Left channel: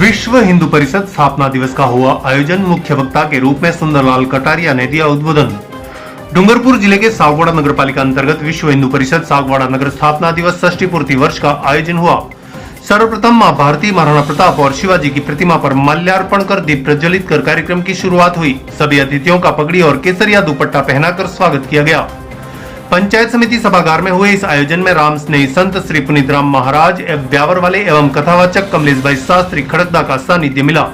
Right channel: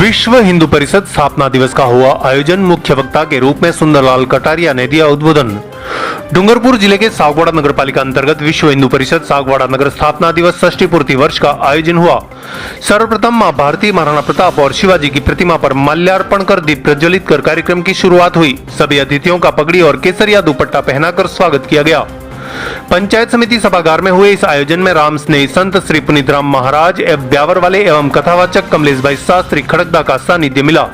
विश्व हिंदू परिषद स्थापना दिवस का हुआ आयोजन। मुख्य वक्ता के रूप में सुंदरलाल कटारिया ने दिया उद्बोधन। डूंगरपुर जिले के सागवाड़ा नगर पालिका अंतर्गत विश्व हिंदू परिषद सागवाड़ा नगर स्थापना दिवस षष्ठी पूर्ति वर्ष का आयोजन हुआ। सर्वप्रथम मां भारती, महाराणा प्रताप और शिवाजी की प्रतिमा पर माल्यार्पण कर दीप प्रज्वलित कर कार्यक्रम की शुरुआत हुई। सभी अतिथियों का पगड़ी और केसरिया दुपट्टा पहनाकर स्वागत किया गया। पंचायत समिति सभागार में हुए इस आयोजन में राम स्नेही संत श्री पुनीत राम महाराज ब्यावर वाले एवं कथावाचक कमलेश भाई शास्त्री खड़कदा का सानिध्य मिला।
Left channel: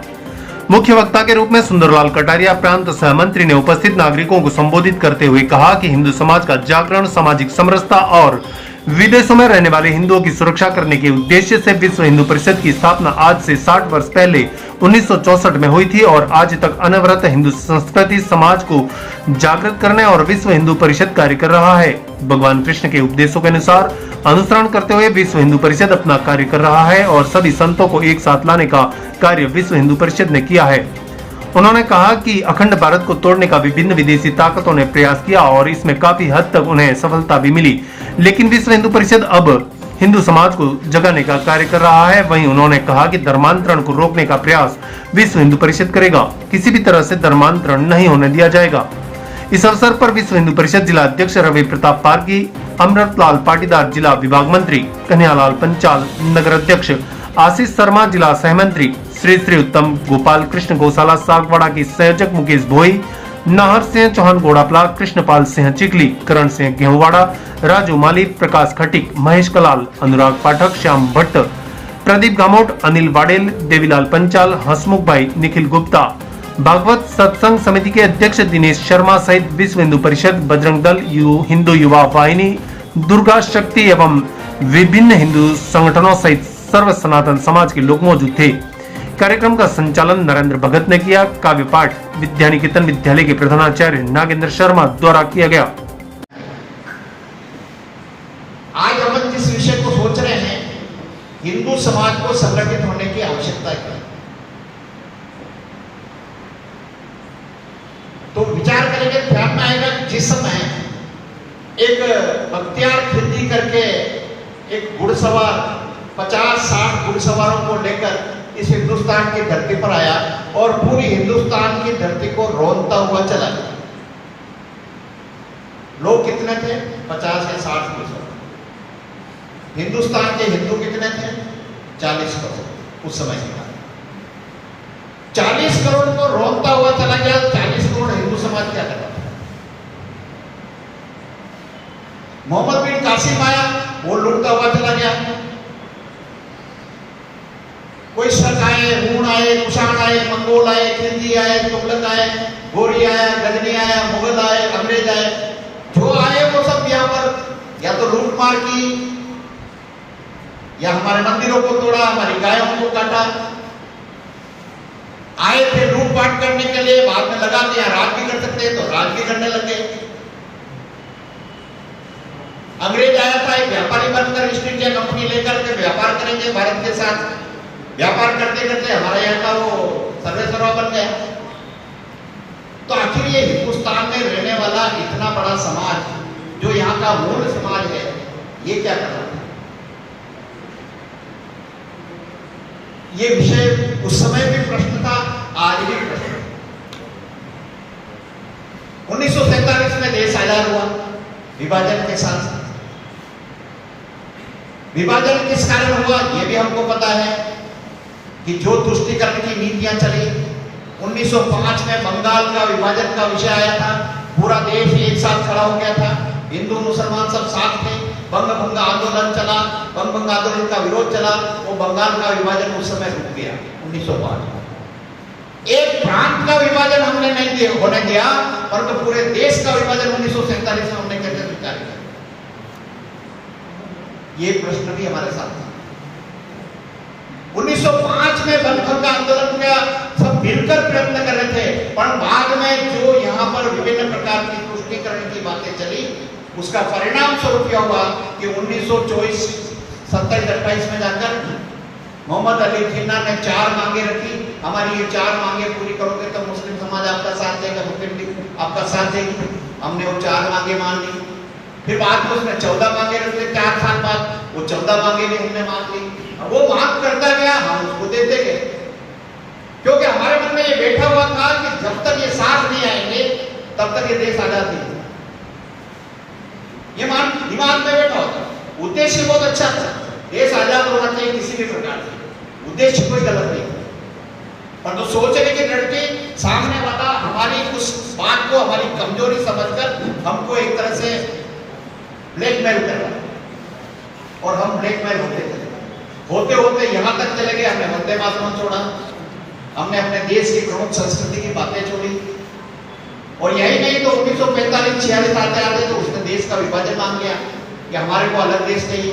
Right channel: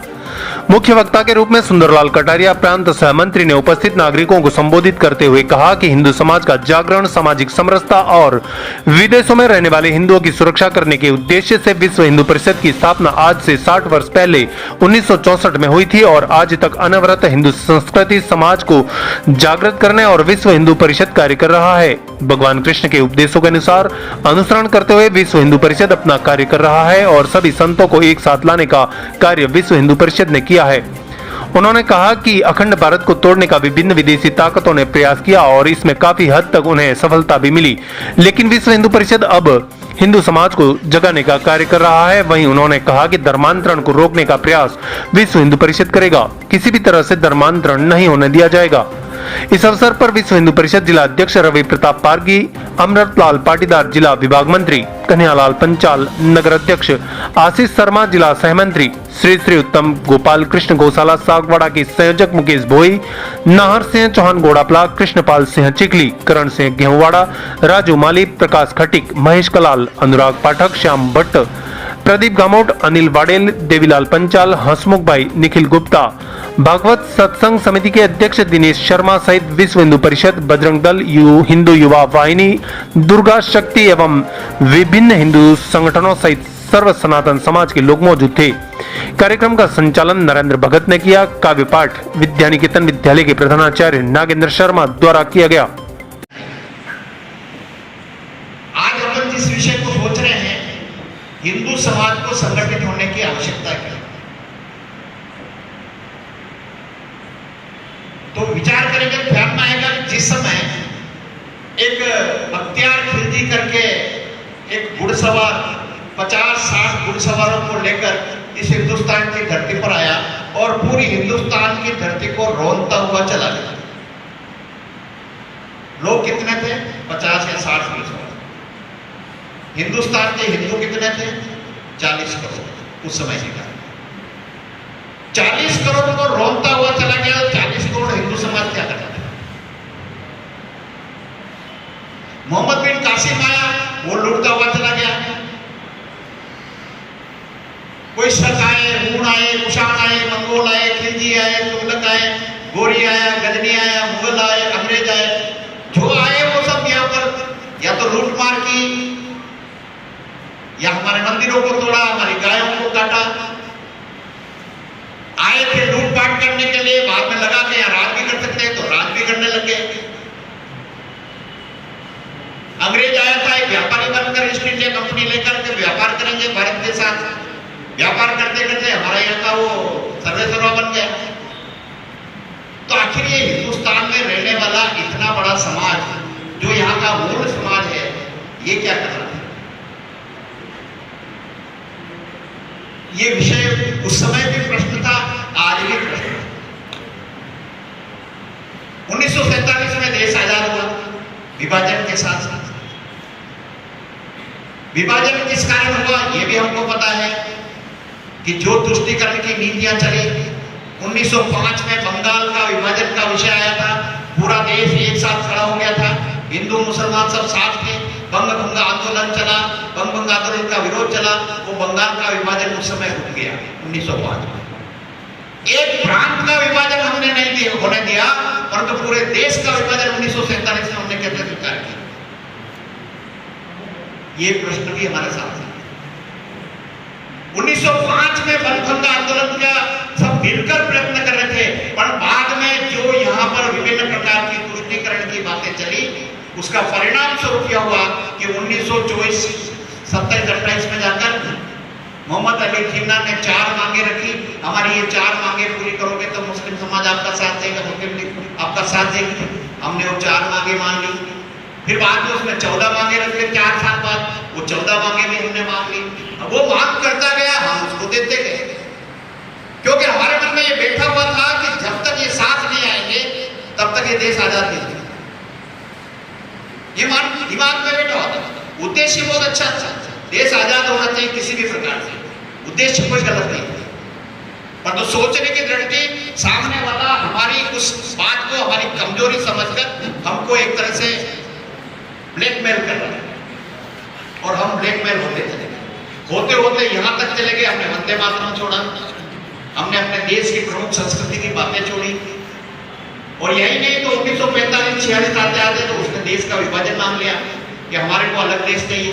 मुख्य वक्ता के रूप में सुंदरलाल कटारिया प्रांत सह मंत्री ने उपस्थित नागरिकों को संबोधित करते हुए कहा कि हिंदू समाज का जागरण, सामाजिक समरसता और विदेशों में रहने वाले हिंदुओं की सुरक्षा करने के उद्देश्य से विश्व हिंदू परिषद की स्थापना आज से 60 वर्ष पहले 1964 में हुई थी और आज तक अनवरत हिंदू संस्कृति समाज को जागृत करने और विश्व हिंदू परिषद कार्य कर रहा है। भगवान कृष्ण के उपदेशों के अनुसार अनुसरण करते हुए विश्व हिंदू परिषद अपना कार्य कर रहा है और सभी संतों को एक साथ लाने का कार्य विश्व हिंदू परिषद ने किया है। उन्होंने कहा कि अखंड भारत को तोड़ने का विभिन्न विदेशी ताकतों ने प्रयास किया और इसमें काफी हद तक उन्हें सफलता भी मिली, लेकिन विश्व हिंदू परिषद अब हिंदू समाज को जगाने का कार्य कर रहा है। वहीं उन्होंने कहा कि धर्मांतरण को रोकने का प्रयास विश्व हिंदू परिषद करेगा। किसी भी तरह से धर्मांतरण नहीं होने दिया जाएगा। इस अवसर पर विश्व हिंदू परिषद जिला अध्यक्ष रवि प्रताप पारगी, अमृतलाल पाटीदार जिला विभाग मंत्री, कन्हैयालाल पंचाल नगर अध्यक्ष, आशीष शर्मा जिला सहमंत्री, श्री श्री उत्तम गोपाल कृष्ण गौशाला सागवाड़ा के संयोजक मुकेश भोई, नाहर सिंह चौहान गोड़ापला, कृष्णपाल सिंह चिखली, करण सिंह गेहूंवाड़ा, राजू माली, प्रकाश खटिक, महेश कलाल, अनुराग पाठक, श्याम भट्ट, प्रदीप गामोट, अनिल वाडेल, देवीलाल पंचाल, हसमुख भाई, निखिल गुप्ता, भागवत सत्संग समिति के अध्यक्ष दिनेश शर्मा सहित विश्व हिंदू परिषद, बजरंग दल, हिंदू युवा वाहिनी, दुर्गा शक्ति एवं विभिन्न हिंदू संगठनों सहित सर्व सनातन समाज के लोग मौजूद थे। कार्यक्रम का संचालन नरेंद्र भगत ने किया। काव्य पाठ विद्यानिकेतन विद्यालय के प्रधानाचार्य नागेंद्र शर्मा द्वारा किया गया। आज हम जिस विषय को सोच रहे हैं, हिंदू समाज को संगठित होने की आवश्यकता है, तो विचार करेंगे, ध्यान में आएगा जिस समय एक बख्तियार खिलजी करके एक घुड़सवार 50-60 घुड़सवारों को लेकर इस हिंदुस्तान की धरती पर आया और पूरी हिंदुस्तान की धरती को रौंदता हुआ चला गया। लोग कितने थे? 50 या 60 घुड़सवार। हिंदुस्तान के हिंदू कितने थे? 40 करोड़ उस समय का। 40 करोड़ को रौंदता हुआ चला गया। 40 करोड़ हिंदू समाज क्या करता था? मोहम्मद बिन कासिम आया, वो लूटता हुआ चला गया। कोई शक आए, हूण आए, कुषाण आए, मंगोल आए, खिलजी आए, तुगलक आए, गोरी आया, गजनी आया, मुगल आए, अंग्रेज आए, जो आए वो सब यहाँ पर या तो लूट मार की, या हमारे मंदिरों को तोड़ा, हमारी गायों को काटा। आए थे लूटपाट करने के लिए, बाद में लगा के राज भी कर सकते हैं तो राज भी करने लगे। अंग्रेज आया था एक व्यापारी बनकर, ईस्ट इंडिया कंपनी लेकर के व्यापार करेंगे भारत के साथ। व्यापार करते करते हमारे यहाँ का वो सर्वेसर्वा बन गया। तो आखिर ये हिंदुस्तान में रहने वाला इतना बड़ा समाज जो यहाँ का मूल समाज है, ये क्या कर रहा है? ये विषय उस समय भी प्रश्न था, आज भी प्रश्न है। 1947 में देश आजाद हुआ विभाजन के साथ साथ। विभाजन किस कारण हुआ ये भी हमको पता है कि जो तुष्टीकरण की नीतियां चली। 1905 में बंगाल का विभाजन का विषय आया था। पूरा देश एक साथ खड़ा हो गया था, हिंदू मुसलमान सब साथ थे। बंग भंग आंदोलन चला, बंग भंग आंदोलन का विरोध चला। वो बंगाल का विभाजन उस समय रुक गया 1905 में। एक प्रांत का विभाजन हमने नहीं होने दिया, परंतु पूरे देश का विभाजन 1947 में हमने कैसे स्वीकार किया? ये प्रश्न भी हमारे साथ है। 1905 में बंग भंग आंदोलन का सब मिलकर प्रयत्न कर रहे थे, पर बाद में जो यहाँ पर विभिन्न प्रकार की तुष्टीकरण की बातें चली, उसका परिणाम स्वरूप यह हुआ कि 1924 27-28 में जाकर मोहम्मद अली जिन्ना ने 4 मांगे रखी। हमारी ये 4 मांगे पूरी करोगे तो मुस्लिम समाज आपका साथ देगा, मुस्लिम लीग आपका साथ देगी। हमने वो 4 मांगे मान ली। फिर बाद में उसने 14 मांगे रख लिए 4 साल बाद, वो 14 मांगे भी हमने मांग ली। अब वो मांग करता गया, हम उसको देते गए। क्योंकि हमारे मन में ये बैठा हुआ था कि जब तक ये साथ नहीं आएंगे तब तक ये देश आजाद नहीं होगा। ये दिमाग में बैठा होता। उद्देश्य बहुत अच्छा था, देश आजाद होना चाहिए किसी भी प्रकार से, उद्देश्य कोई गलत नहीं, पर तो सोचने की दृष्टि सामने वाला हमारी उस बात को हमारी कमजोरी समझकर हमको एक तरह से ब्लैकमेल कर रहा है और हम ब्लैकमेल होते चले गए, होते होते यहां तक चले गए। हमने वंदे मातरम छोड़ा, हमने अपने देश की प्रमुख संस्कृति की बातें छोड़ी, और यही नहीं तो 1945-46 आते आते तो उसने देश का विभाजन मान लिया कि हमारे को अलग देश चाहिए।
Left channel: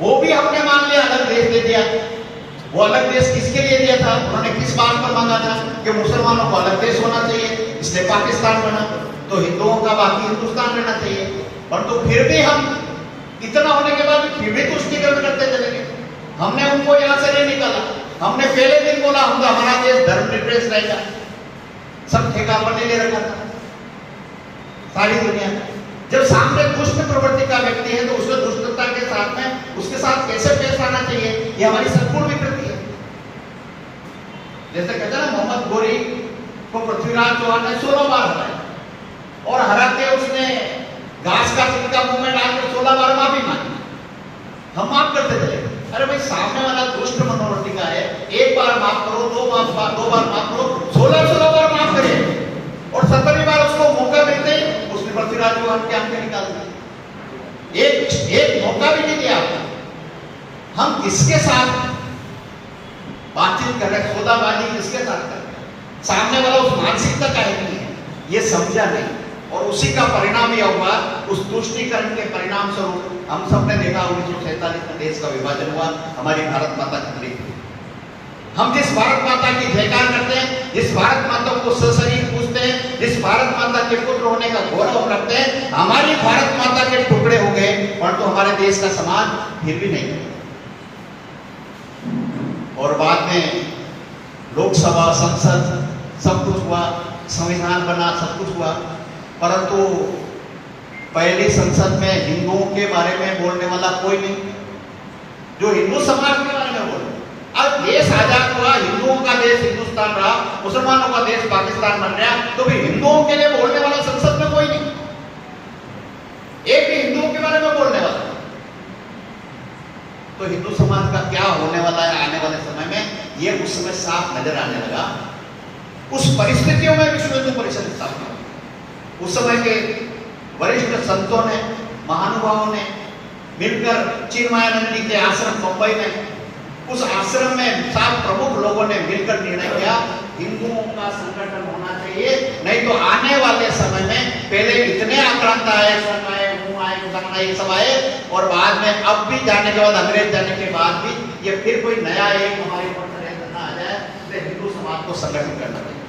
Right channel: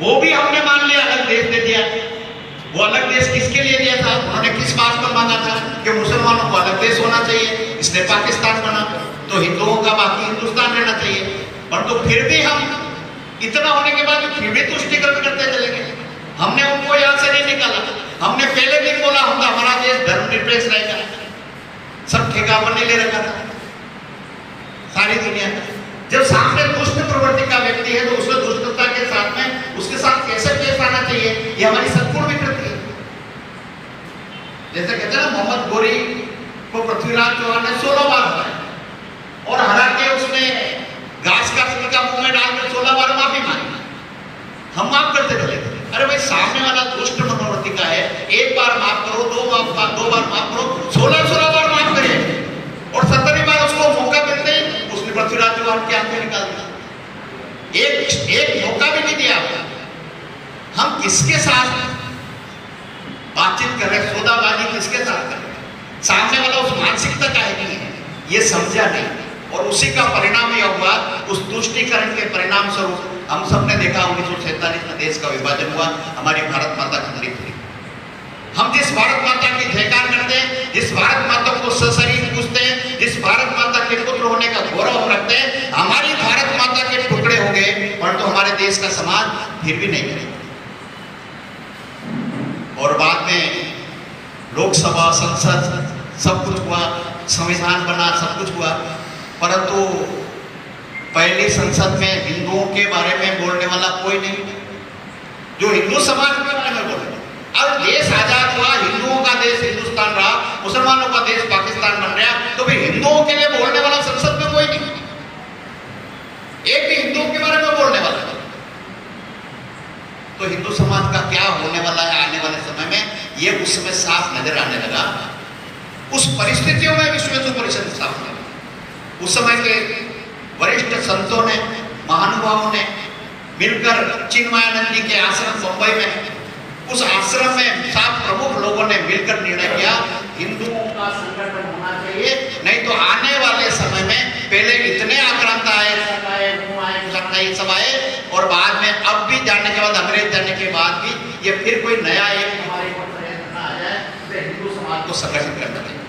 वो भी हमने मान लिया, अलग देश दे दिया। वो अलग देश किसके लिए दिया था? उन्होंने किस बात पर मांगा था कि मुसलमानों को अलग देश होना चाहिए, इसलिए पाकिस्तान बना, तो हिंदुओं का बाकी हिंदुस्तान रहना चाहिए। परंतु फिर भी हम इतना होने के बाद फिर भी तुष्टीकरण करते चले गए। हमने उनको यहां से नहीं निकाला। हमने पहले दिन बोला हम तो हमारा देश धर्मनिरपेक्ष रहेगा, सब ठेका पर नहीं ले रखा था सारी दुनिया का। जब सामने दुष्ट प्रवृत्ति का व्यक्ति है तो उसको दुष्टता के साथ में उसके साथ कैसे पेश आना चाहिए, ये हमारी संपूर्ण विकृति है। जैसे कहते हैं ना, मोहम्मद गोरी को पृथ्वीराज चौहान ने 16 बार हराया और हरा के उसने घास का छिलका मुंह में डालकर 16 बार माफी मांगी। हम माफ करते चले। अरे भाई, सामने वाला दुष्ट मनोवृत्ति का है, एक बार माफ करो, दो बार माफ करो, 16 बार माफ करे, और 17वीं बार उसको मौका मिलते ही उसने पृथ्वीराज चौहान की आंखें निकाल दी। एक मौका भी नहीं दिया आपका। हम किसके साथ बातचीत कर रहे, सौदाबाजी किसके साथ कर रहे? सामने वाला उस मानसिकता का है नहीं है, ये समझा नहीं, और उसी का परिणाम यह हुआ, उस तुष्टीकरण के परिणाम स्वरूप हम सबने देखा 1947 में देश का विभाजन हुआ, हमारी भारत माता खंडित हुई। हम जिस भारत माता की जयकार करते हैं, जिस भारत माता को सशरीर पूजते हैं, जिस भारत माता के पुत्र होने का गौरव हम रखते हैं, हमारी भारत माता के टुकड़े हो गए, परंतु हमारे देश का समाज फिर भी नहीं करेगा। और बाद में लोकसभा, संसद सब कुछ हुआ, संविधान बना, सब कुछ हुआ, परंतु पहली संसद में हिंदुओं के बारे में बोलने वाला कोई नहीं, जो हिंदू समाज के बारे में बोले। अब देश आजाद हुआ, हिंदुओं का देश हिंदुस्तान रहा, मुसलमानों का देश पाकिस्तान बन गया, तो भी हिंदुओं के लिए बोलने वाला संसद में कोई नहीं, एक ही हिंदुओं के बारे में बोलने वाला। तो हिंदू समाज का क्या होने वाला है आने वाले समय में, ये उस समय साफ नजर आने लगा। उस परिस्थितियों में विश्व हिंदू परिषद स्थापना, उस समय के वरिष्ठ संतों ने, महानुभावों ने मिलकर चिन्मयानंद जी के आश्रम मुंबई में, उस आश्रम में 7 प्रमुख लोगों ने मिलकर निर्णय किया, हिंदुओं का संगठन होना चाहिए, नहीं तो आने वाले समय में पहले इतने आक्रांत आए, ये सब आए, और बाद में अब भी जाने के बाद, अंग्रेज जाने के बाद भी ये फिर कोई नया एक हमारे ऊपर आ जाए, तो हिंदू समाज को संगठित करना चाहिए।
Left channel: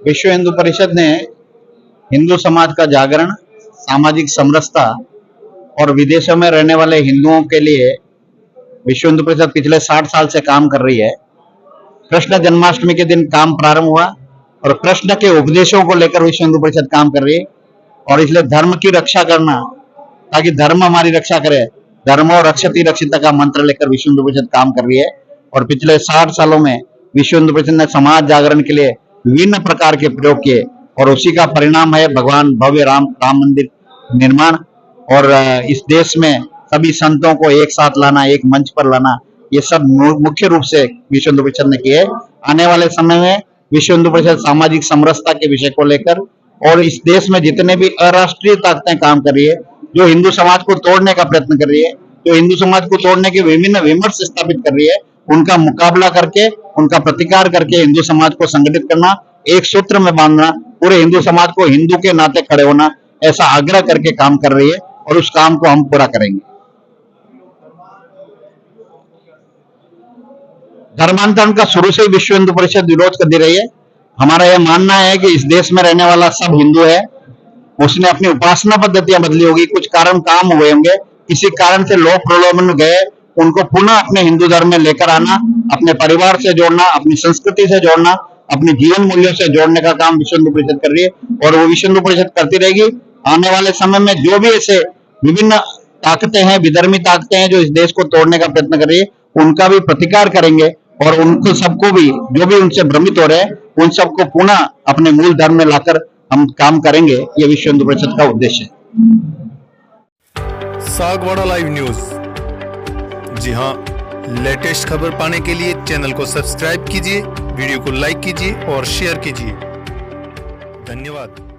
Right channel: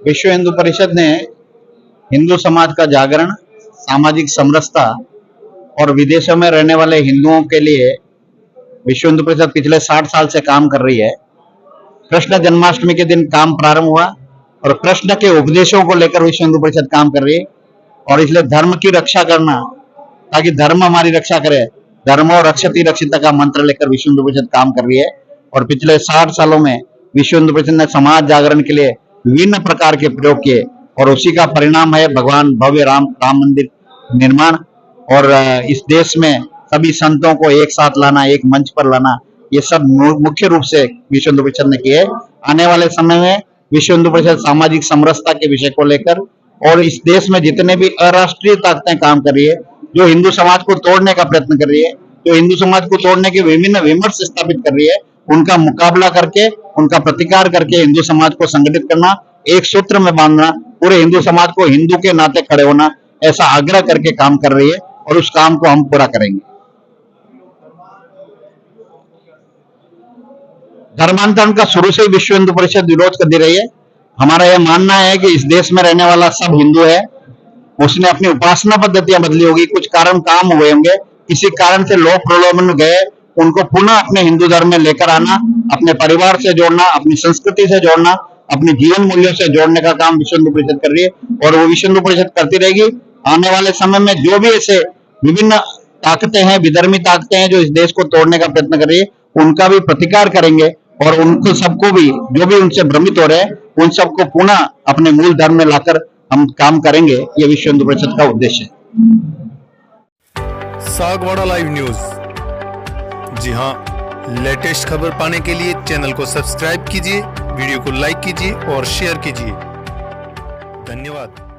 विश्व हिंदू परिषद ने हिंदू समाज का जागरण, सामाजिक समरसता और विदेशों में रहने वाले हिंदुओं के लिए विश्व हिंदू परिषद पिछले 60 साल से काम कर रही है। कृष्ण जन्माष्टमी के दिन काम प्रारंभ हुआ और कृष्ण के उपदेशों को लेकर विश्व हिंदू परिषद काम कर रही है, और इसलिए धर्म की रक्षा करना, ताकि धर्म हमारी रक्षा करे, धर्मो रक्षति रक्षिता का मंत्र लेकर विश्व हिंदू परिषद काम कर रही है। और पिछले 60 सालों में विश्व हिंदू परिषद ने समाज जागरण के लिए विभिन्न प्रकार के प्रयोग किए, और उसी का परिणाम है भगवान भव्य राम मंदिर निर्माण, और इस देश में सभी संतों को एक साथ लाना, एक मंच पर लाना, ये सब मुख्य रूप से विश्व हिंदू परिषद ने किए। आने वाले समय में विश्व हिंदू परिषद सामाजिक समरसता के विषय को लेकर, और इस देश में जितने भी अराष्ट्रीय ताकतें काम कर रही है, जो हिंदू समाज को तोड़ने का प्रयत्न कर रही है, जो हिंदू समाज को तोड़ने के विभिन्न विमर्श स्थापित कर रही है, उनका मुकाबला करके, उनका प्रतिकार करके हिंदू समाज को संगठित करना, एक सूत्र में बांधना, पूरे हिंदू समाज को हिंदू के नाते खड़े होना, ऐसा आग्रह करके काम कर रही है, और उस काम को हम पूरा करेंगे। धर्मांतरण का शुरू से ही विश्व हिंदू परिषद विरोध करती रही है। हमारा यह मानना है कि इस देश में रहने वाला सब हिंदू है, उसने अपनी उपासना पद्धतियां बदली होगी, कुछ कारण काम हुए होंगे, किसी कारण से लोग प्रलोभन गए, उनको पुनः अपने हिंदू धर्म में लेकर आना, अपने परिवार से जोड़ना, अपनी संस्कृति से जोड़ना, अपने जीवन मूल्यों से जोड़ने का काम विश्व हिंदू परिषद कर रही है, और वो विश्व हिंदू परिषद करती रहेगी। आने वाले समय में जो भी ऐसे विभिन्न ताकतें हैं, विधर्मी ताकतें हैं जो इस देश को तोड़ने का प्रयत्न कर रही है, उनका भी प्रतिकार करेंगे और उनको सबको भी जो भी उनसे भ्रमित हो रहे हैं उन सबको पुनः अपने मूल धर्म में लाकर हम काम करेंगे। ये विश्व हिंदू परिषद का उद्देश्य है। सागवाड़ा लाइव न्यूज, जी हाँ, लेटेस्ट खबर पाने के लिए चैनल को सब्सक्राइब कीजिए, वीडियो को लाइक कीजिए और शेयर कीजिए। धन्यवाद।